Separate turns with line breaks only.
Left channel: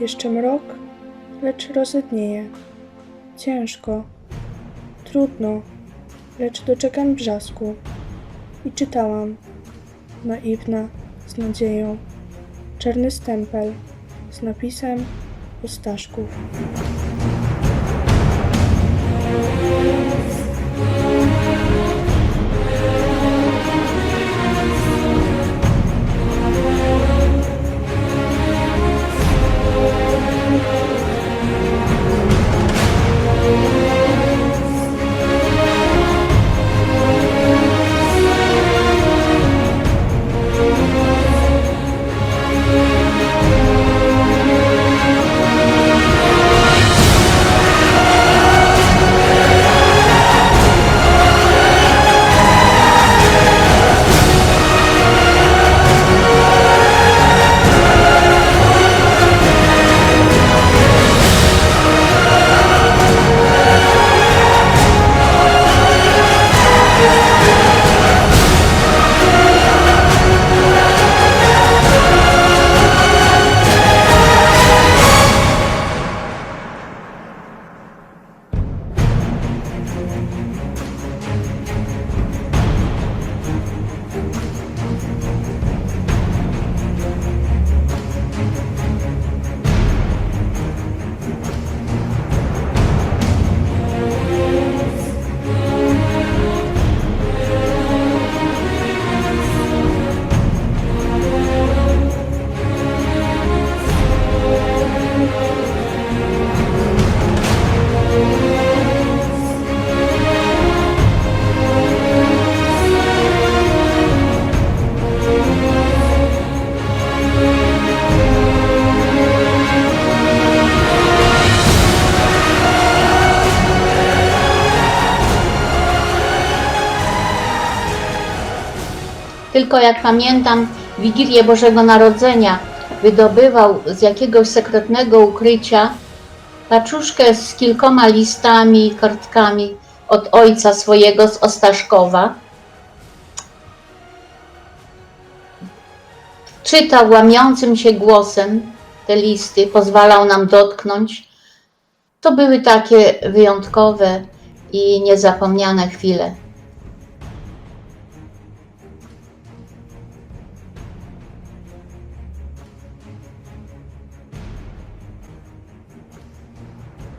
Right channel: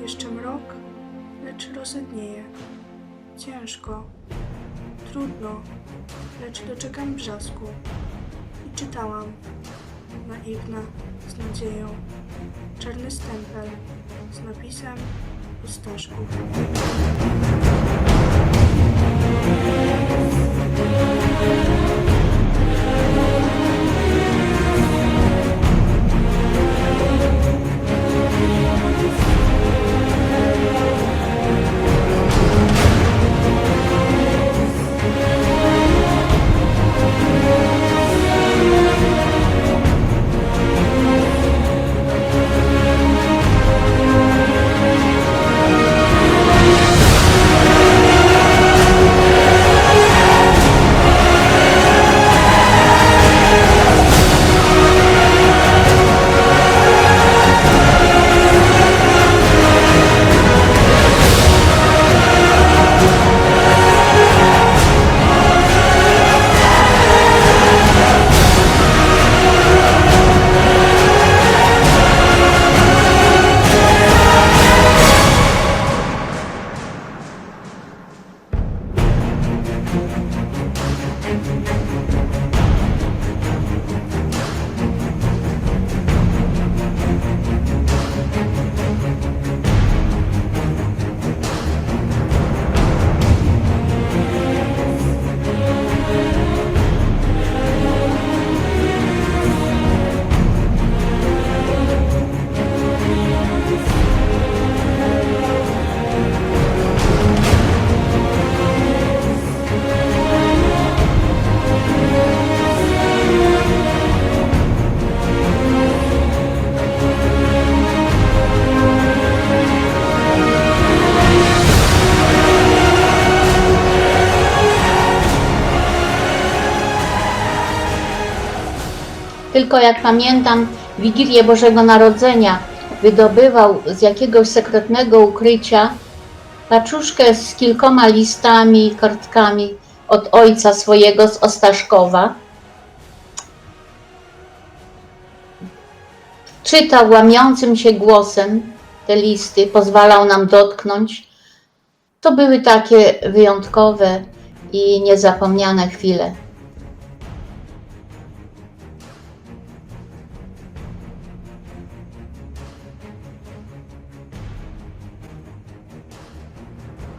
Jeszcze mrok, lecz rozednieje. Ciężko, trudno, lecz doczekam brzasku. I czytałam, naiwna, z nadzieją, czarny stempel z napisem o
Tylko jak pamiętam, Wigilię Bożego Narodzenia wydobywał z jakiegoś sekretnego ukrycia paczuszkę z kilkoma listami i kartkami od ojca swojego z Ostaszkowa. Czytał łamiącym się głosem te listy, pozwalał nam dotknąć. To były takie wyjątkowe i niezapomniane chwile.